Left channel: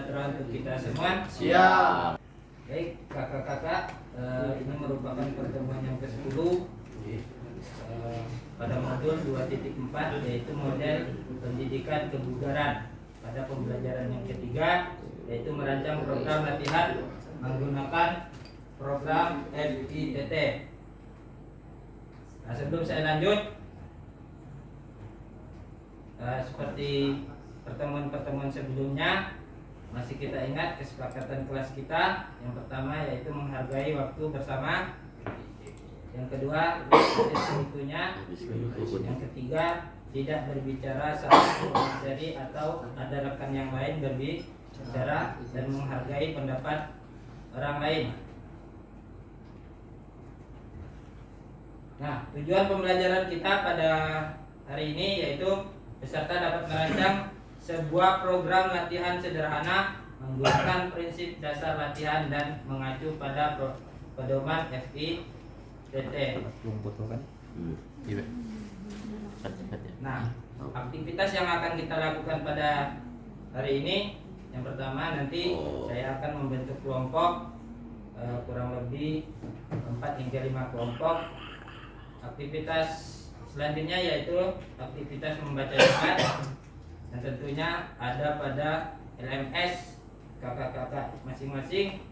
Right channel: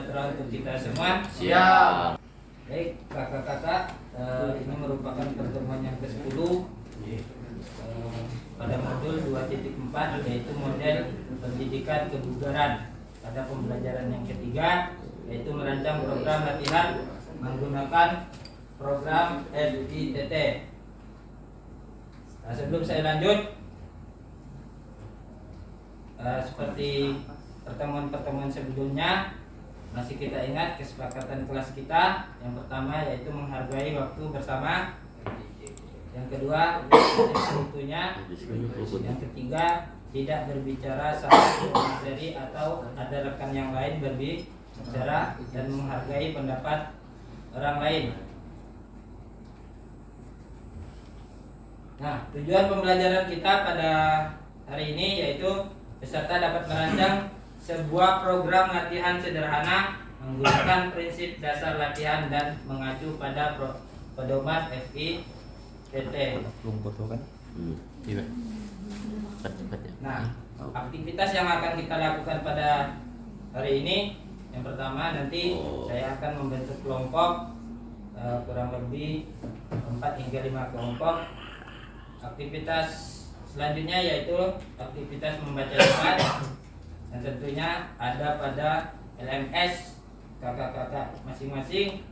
sejahtera untuk kita semua. Siap. Baik, kakak-kakak, ini merupakan pertemuan yang ke-10 pada modul 2.4, yaitu model pendidikan kebugaran. Pada pembelajaran yang ketiga, yaitu merancang program latihan menggunakan program FITT. Nah, sebelum saya lanjut, seperti pertemuan-pertemuan sebelumnya, masih kita ingat kesepakatan kelas kita. Yang pertama yaitu menghargai waktu bersama. Yang kedua, sekutunya. Yang ketiga, tidak berbicara saat materi atau ada rekan yang lain berbicara, dan menghargai pendapat orang lain. Nah, tujuan pembelajaran kita pada hari ini yaitu peserta dapat merancang sebuah program latihan sederhana menggunakan prinsip dasar latihan dan mengacu pada pedoman FITT. Nah, aktivitas yang akan kita lakukan pada hari ini, yang pertama nanti saya akan membentuk kelompok kurang lebih 4 hingga 5 kelompok. Aktivitas selanjutnya yaitu aktivitas membaca cepat, dan tentunya ada pada LMS kakak-kakak masing-masing.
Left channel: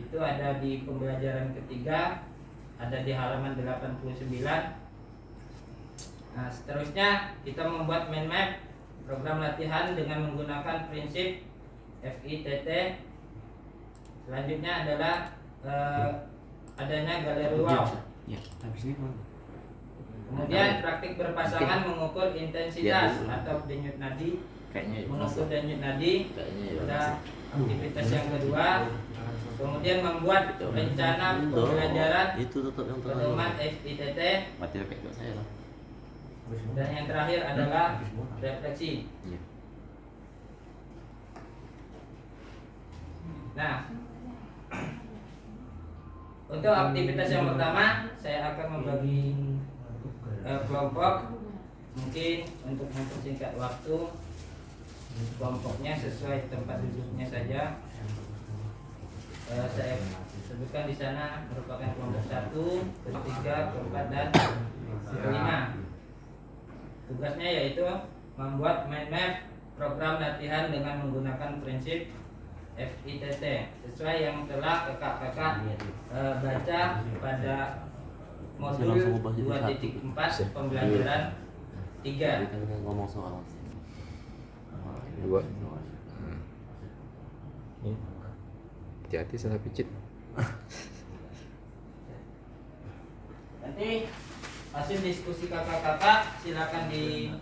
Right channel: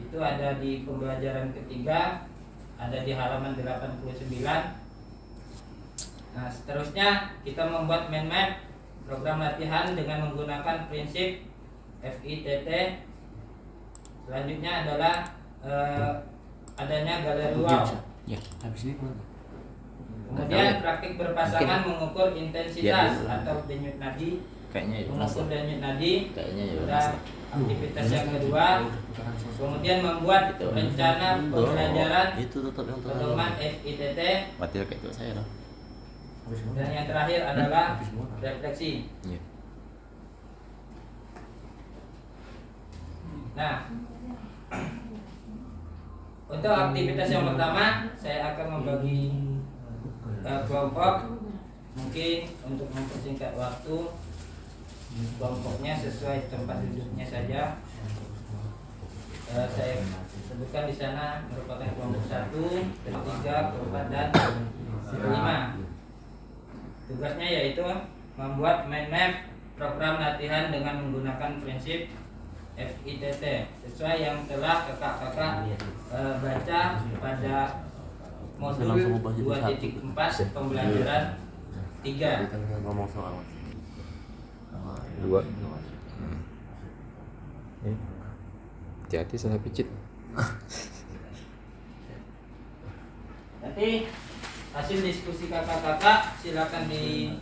Itu ada di pembelajaran ketiga, ada di halaman 89. Nah, seterusnya kita membuat mind map program latihan dengan menggunakan prinsip FITT. Selanjutnya adalah adanya galeri wow. Kemudian praktik berpasangan mengukur intensitas atau denyut nadi, mengukur denyut nadi pada aktivitas yang kedua. Kemudian membuat rencana pembelajaran pedoman FITT. Dan yang terakhir adalah refleksi. Nah, untuk aktivitas yang pertama saya akan membagi kelompok. Mungkin untuk mempersingkat waktu, kelompoknya sesuai tempat duduknya saja. Saya sebutkan di sana merupakan kelompok 1, 3, 4, dan 5. Tugasnya yaitu membuat mind map program latihan dengan menggunakan prinsip FITT sesuai yang telah kakak-kakak baca pada modul 2.4 pembelajaran 3. Ngomong soal 2. Hati-hati salah picit. Nanti hasil diskusi kakak-kakak silakan di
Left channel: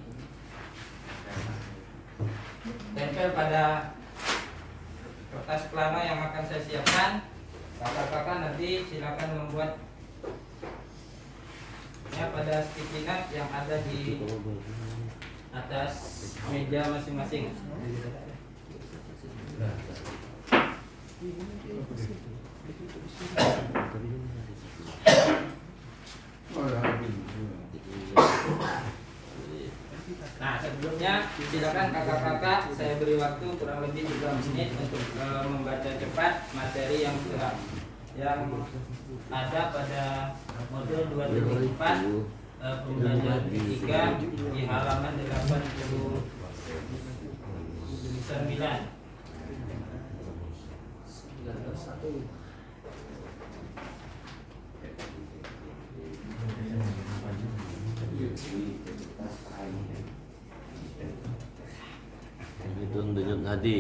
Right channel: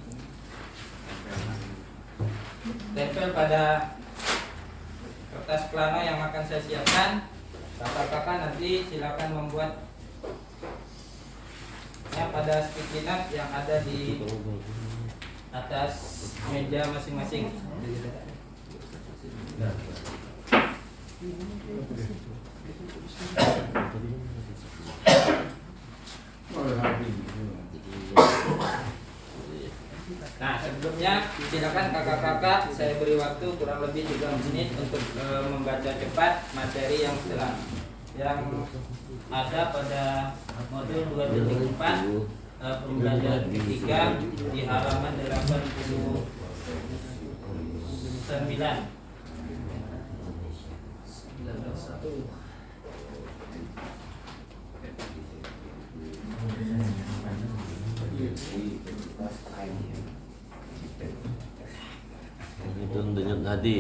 tempel pada kertas plano yang akan saya siapkan. Kakak-kakak nanti silakan membuat pada sticky note yang ada di atas meja masing-masing. Nah, sebelumnya silakan kakak-kakak saya beri waktu kurang lebih 3 menit untuk membaca cepat materi yang ada pada modul 2.4 pembelajaran ketiga di halaman 89. itu denyut nadi.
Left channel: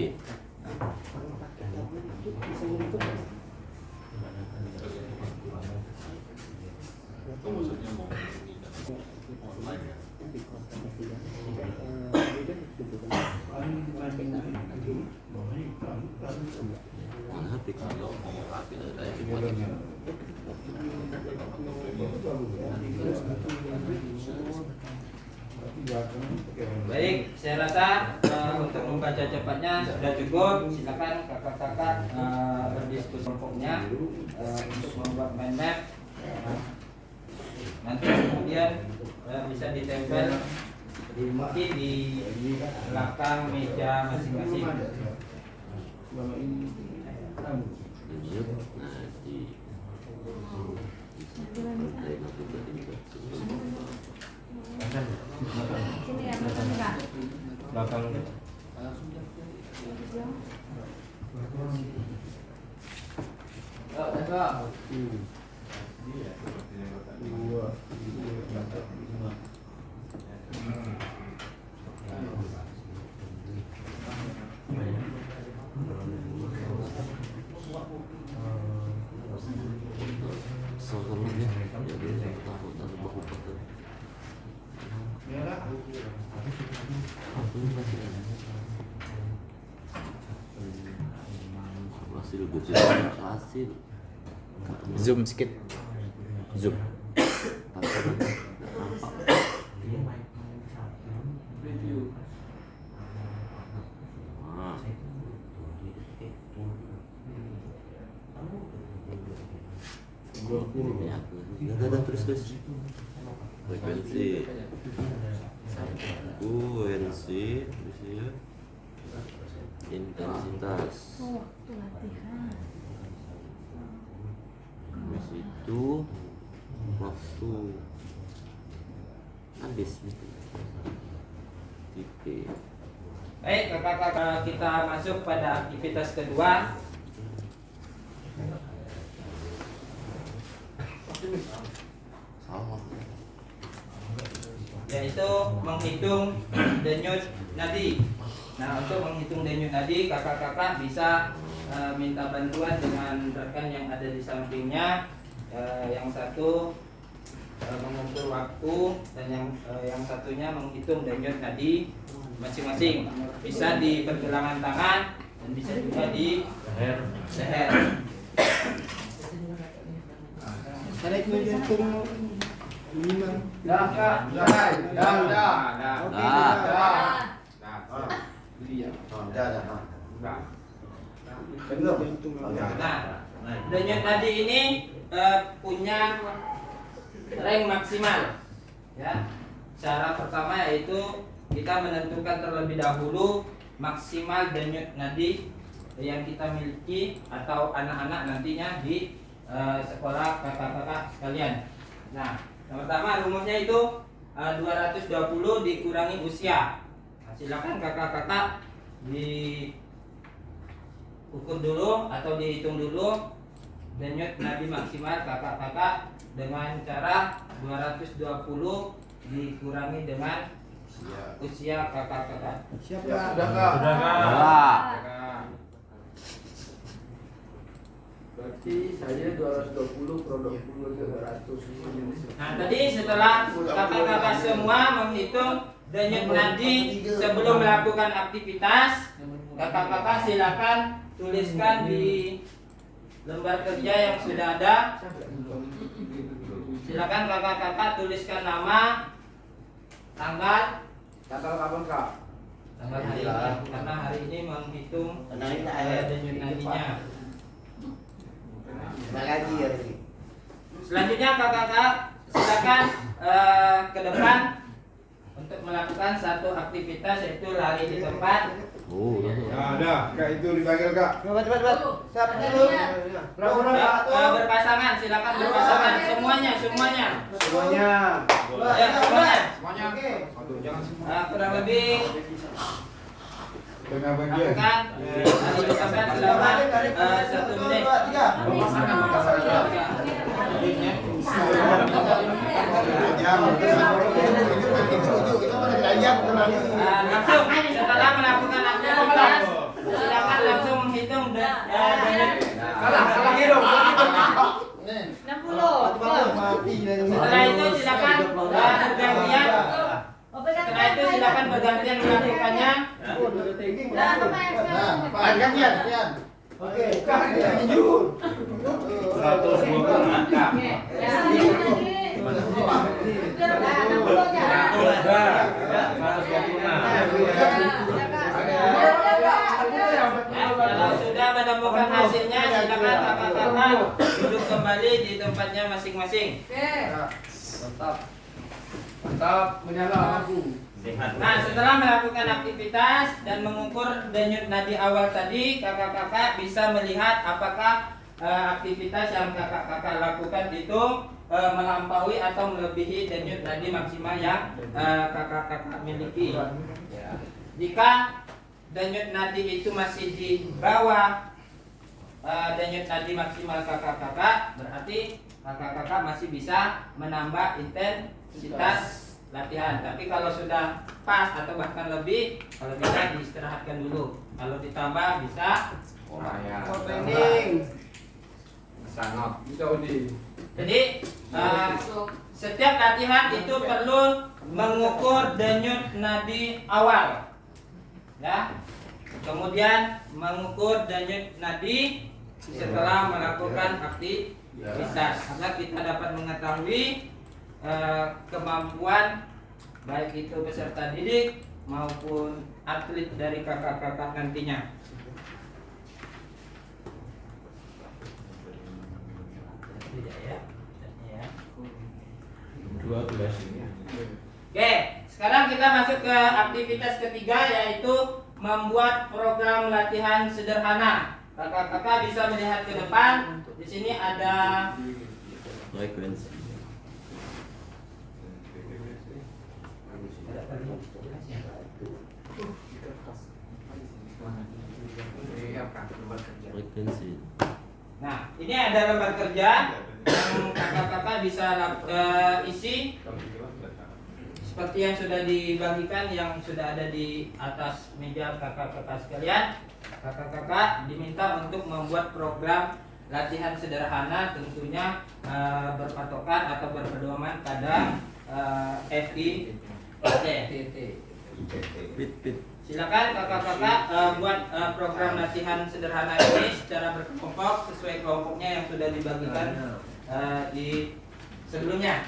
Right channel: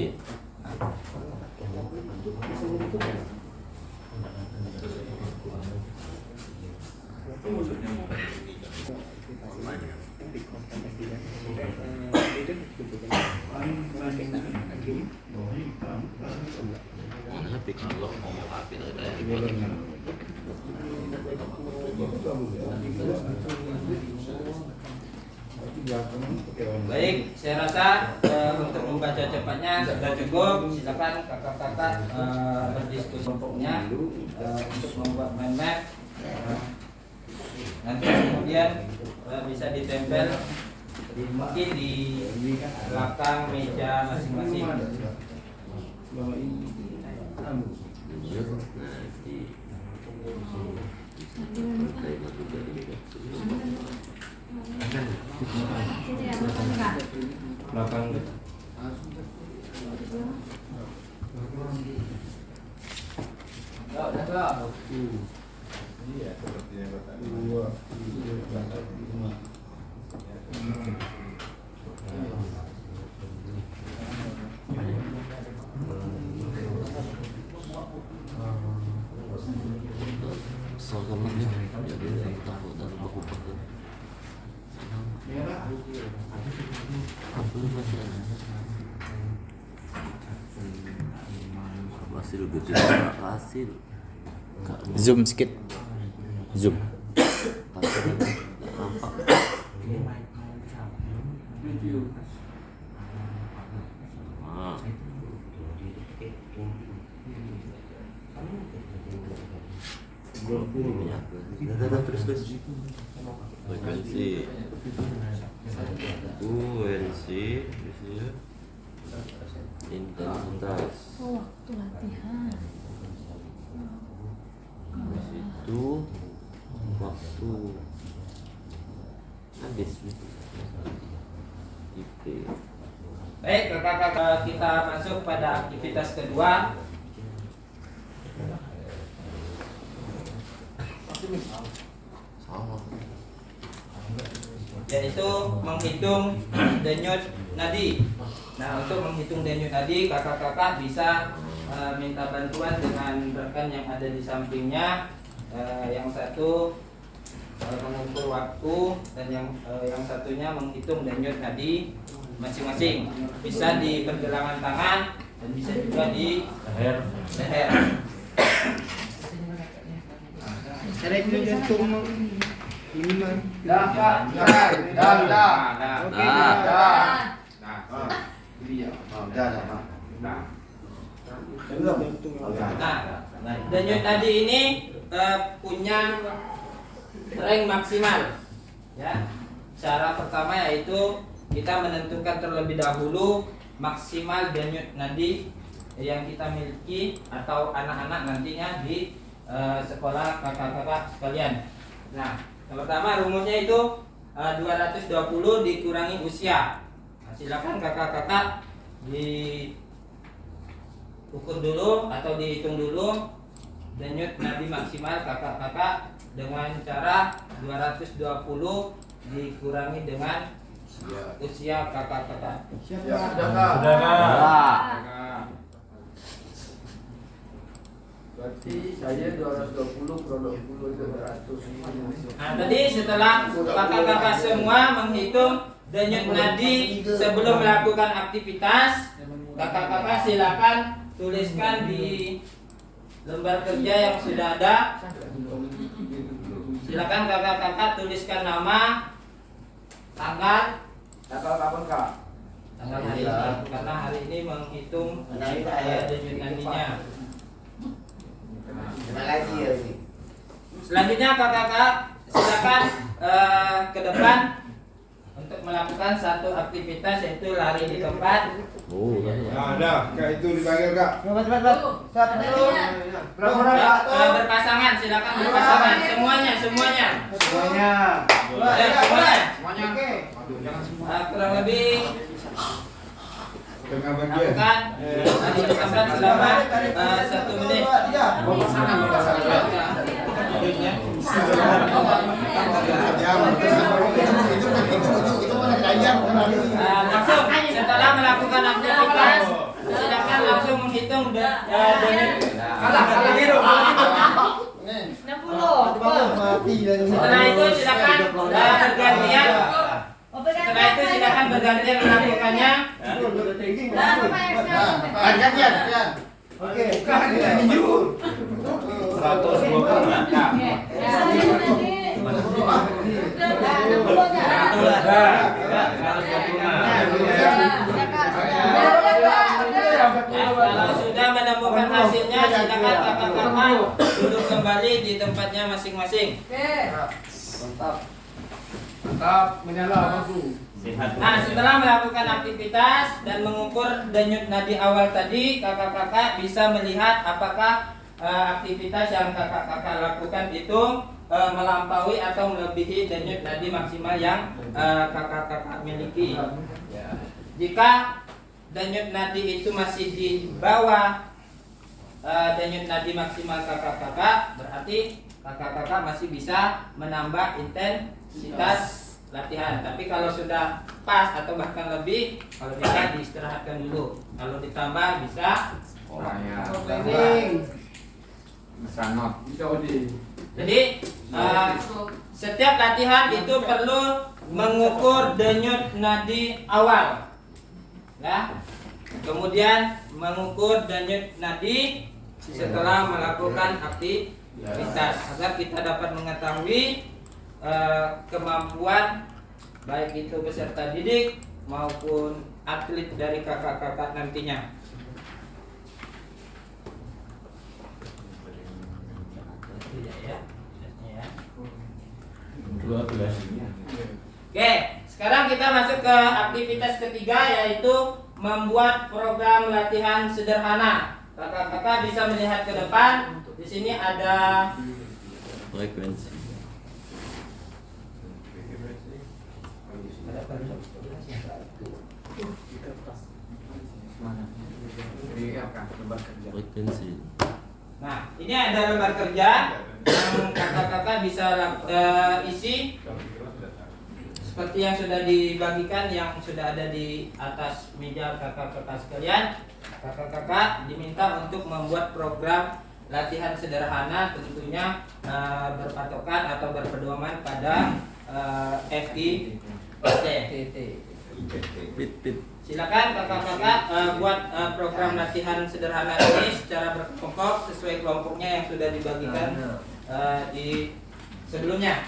Baik, saya rasa untuk membaca cepatnya sudah cukup. Silakan kakak-kakak berdiskusi kelompoknya untuk membuat mind map. Nanti kemudian bisa ditempel mungkin di belakang meja masing-masing. Denyut nadi. Belakang. Hasil gue hasil. Zoom sikit. Zoom. Nggak nampak. Ah. Dah terus. Frekuensi. Intensitas. Habis itu waktu habis itu tipe. Baik, kakak-kakak, kita masuk pada aktivitas kedua. Salah. Yaitu menghitung denyut nadi. Nah, untuk menghitung denyut nadi, kakak-kakak bisa minta bantuan dengan rekan yang ada di sampingnya. Yang satu mengukur waktu dan yang satunya menghitung denyut nadi masing-masing. Bisa di pergelangan tangan dan bisa juga di leher. Tarik dulu jantung ini mah. Dah. Oke, Nah, denyut nadi ini punya rank maksimal. Ya. Cara pertama yaitu kita menentukan terlebih dahulu maksimal denyut nadi yang kita miliki atau anak-anak nantinya di sekolah kakak-kakak sekalian. Nah, yang pertama rumusnya itu 220 dikurangi usia. Nah, silakan kakak-kakak diukur dulu atau dihitung dulu denyut nadi maksimal kakak-kakak dengan cara 220 dikurangi dengan usia kakak-kakak. Berarti saya 220 kurang 20 200. Nah, tadi setelah kakak-kakak semua menghitung denyut nadi sebelum melakukan aktivitas, kakak-kakak silakan tuliskan di lembar kerja yang sudah ada. Silakan kakak-kakak tuliskan nama, tanggal Kapan Kak? tanggal hari ini, karena hari ini menghitung denyut nadinya. Selanjutnya kakak-kakak silakan ke depan untuk melakukan satu aktivitas yaitu lari di tempat. Oh, Ada, Kak itu dipanggil Kak. Siapa dulu? Berpasangan, silakan berpasangan semuanya. Semuanya. Semuanya. Oke. Kurang lebih Tengah bagian. lakukan lari di tempat selama 1 menit. Langsung setelah melakukan aktivitas silakan langsung menghitung denyut. Setelah itu silakan bergantian. Setelah itu silakan bergantian melakukannya. Oke. 120. Kalau sudah menemukan hasilnya silakan kakak-kakak duduk kembali di tempatnya masing-masing. Mantap. Menyala lampu. Nah, setelah melakukan aktivitas dan mengukur denyut nadi awal tadi, kakak-kakak bisa melihat apakah aktivitas yang kakak-kakak lakukan itu melampaui atau melebihi denyut nadi maksimal yang kakak-kakak miliki. Jika denyut nadi itu masih di bawah denyut nadi maksimal kakak-kakak, berarti kakak-kakak masih bisa menambah intensitas latihan. Tapi kalau sudah pas atau bahkan lebih, kalau bisa diistirahatkan dulu. Kalau ditambah bisa Training. Bisa Odi. Jadi setiap latihan itu perlu mengukur denyut nadi awal, ya. Kemudian mengukur denyut nadi setelah melakukan aktivitas agar kita dapat mengetahui kemampuan baik itu peserta didik maupun atlet dari kakak-kakak nantinya. Oke, sekarang kita masuk ke aktivitas ketiga, yaitu membuat program latihan sederhana. Kakak-kakak bisa melihat ke depan. Di sini ada Frekuensi. Frekuensi. Nah, ini ada lembar kerja yang kakak-kakak bisa isi seperti yang sudah dibagikan, yang sudah ada di atas meja kakak-kakak sekalian. Kakak-kakak diminta untuk membuat program latihan sederhana, tentunya berpatokan atau berpedoman pada FIT. Silakan kakak-kakak buat program latihan sederhana ini secara berkelompok sesuai kelompoknya yang sudah dibagikan di sebelumnya.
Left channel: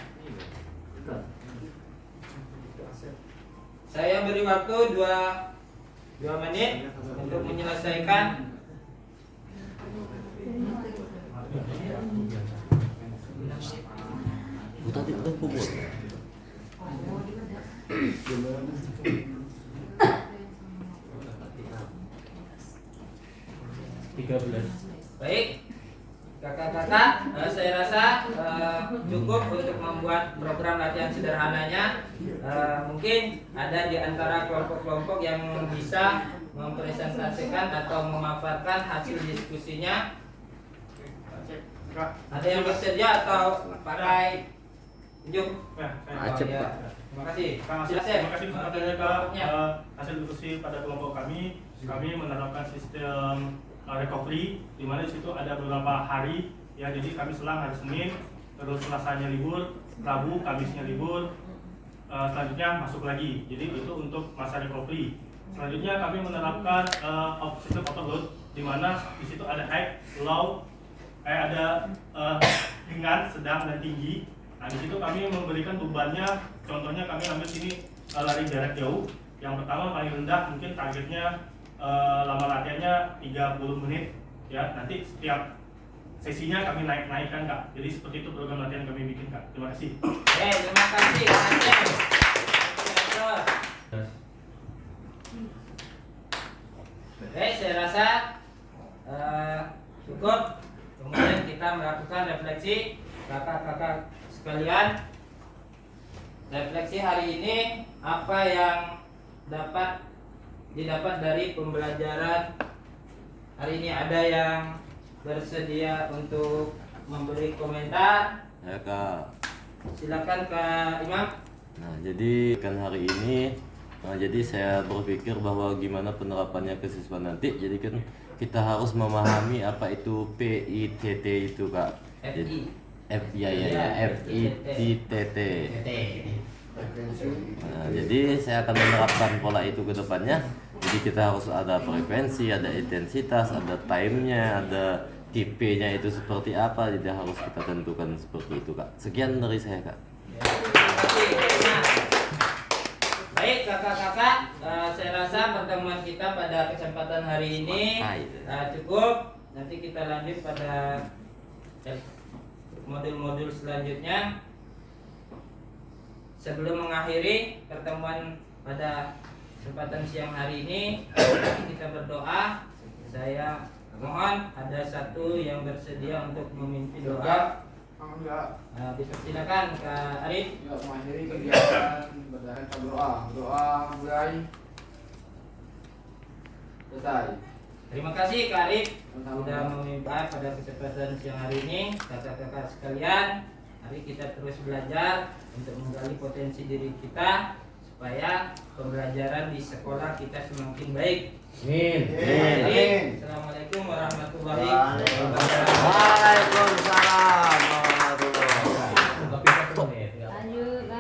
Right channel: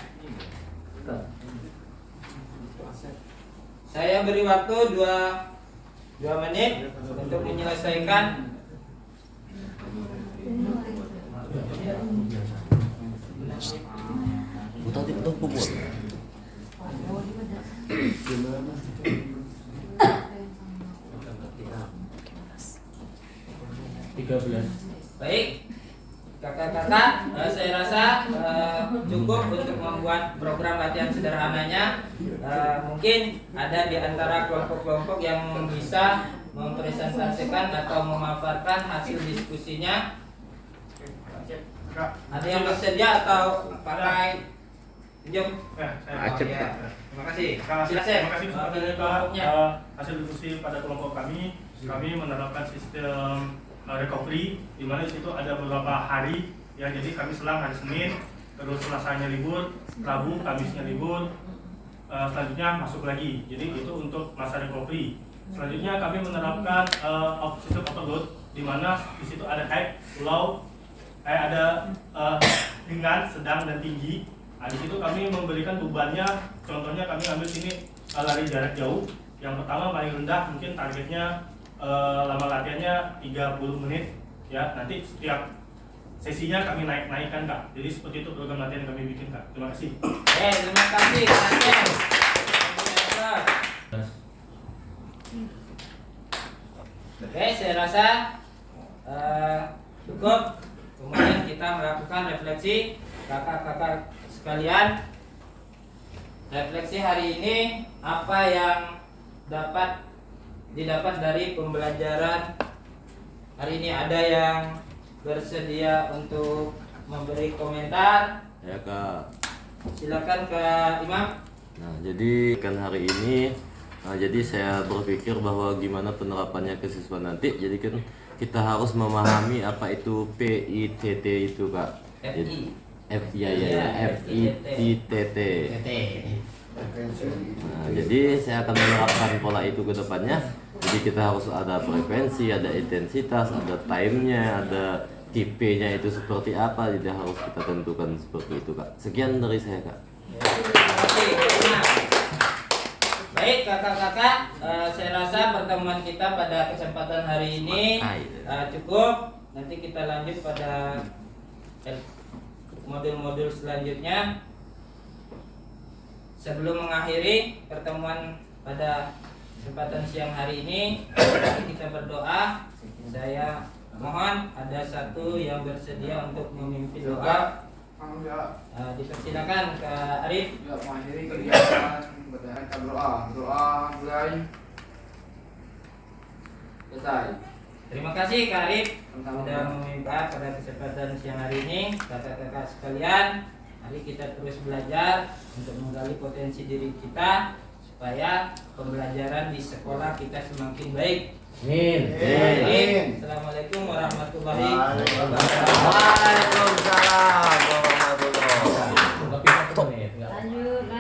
Saya beri waktu 2 menit untuk menyelesaikan. Tadi itu kubur. Baik, kakak-kakak, saya rasa cukup untuk membuat program latihan sederhananya. Mungkin ada di antara kelompok-kelompok yang bisa mempresentasikan atau memaparkan hasil diskusinya. Ada yang bersedia atau pakai tunjuk? Acep, ya. Terima kasih. Terima kasih kepada hasil diskusi pada kelompok kami. Kami menerapkan sistem recovery, di mana di situ ada beberapa hari yang jadi kami selang hari Senin, terus Selasanya libur, Rabu, Kamisnya libur, selanjutnya masuk lagi. Jadi itu untuk masa recovery. Selanjutnya kami menerapkan sistem overload, di mana di situ ada high, low, ada ringan, sedang dan tinggi. Nah, di situ kami memberikan bebannya. Contohnya kami ambil sini lari jarak jauh. Yang pertama paling rendah, mungkin targetnya lama latihannya 30 menit. Ya, nanti setiap sesinya kami naikkan Kak. Jadi seperti itu program latihan yang kami bikin Kak. Terima kasih. Terima kasih. Oke, saya rasa cukup. Kemudian kita melakukan refleksi kakak-kakak sekalian. Refleksi hari ini, apa yang didapat dari pembelajaran hari ini? Ada yang bersedia untuk memberi komentar? Ya Kak. Silakan Kak Imam. Nah, jadi kan hari ini, jadi saya berpikir bahwa gimana penerapannya ke siswa nanti. Jadi kan kita harus memahami apa itu PITT itu Kak. FITT. Nah, jadi saya akan menerapkan pola itu ke depannya. Jadi kita harus ada frekuensi, ada intensitas, ada time-nya, ada tipe-nya itu seperti apa. Tidak harus kita tentukan seperti itu Kak. Sekian dari saya Kak. Terima kasih. Nah, baik kakak-kakak, saya rasa pertemuan kita pada kesempatan hari ini cukup. Nanti kita lanjut pada modul-modul selanjutnya. Sebelum mengakhiri pertemuan pada kesempatan siang hari ini. Mari kita berdoa. Saya mohon ada satu yang bersedia untuk memimpin doa. Dipersilakan Kak Arif. Ya, mengakhiri kegiatan berdasarkan kita doa mulai selesai. Terima kasih Kak Arif Sama-sama. sudah memimpin pada kesempatan siang hari ini. Kakak-kakak sekalian, mari kita terus belajar untuk menggali potensi diri kita supaya pembelajaran di sekolah kita semakin baik. Amin. Assalamualaikum warahmatullahi wabarakatuh. Waalaikumsalam.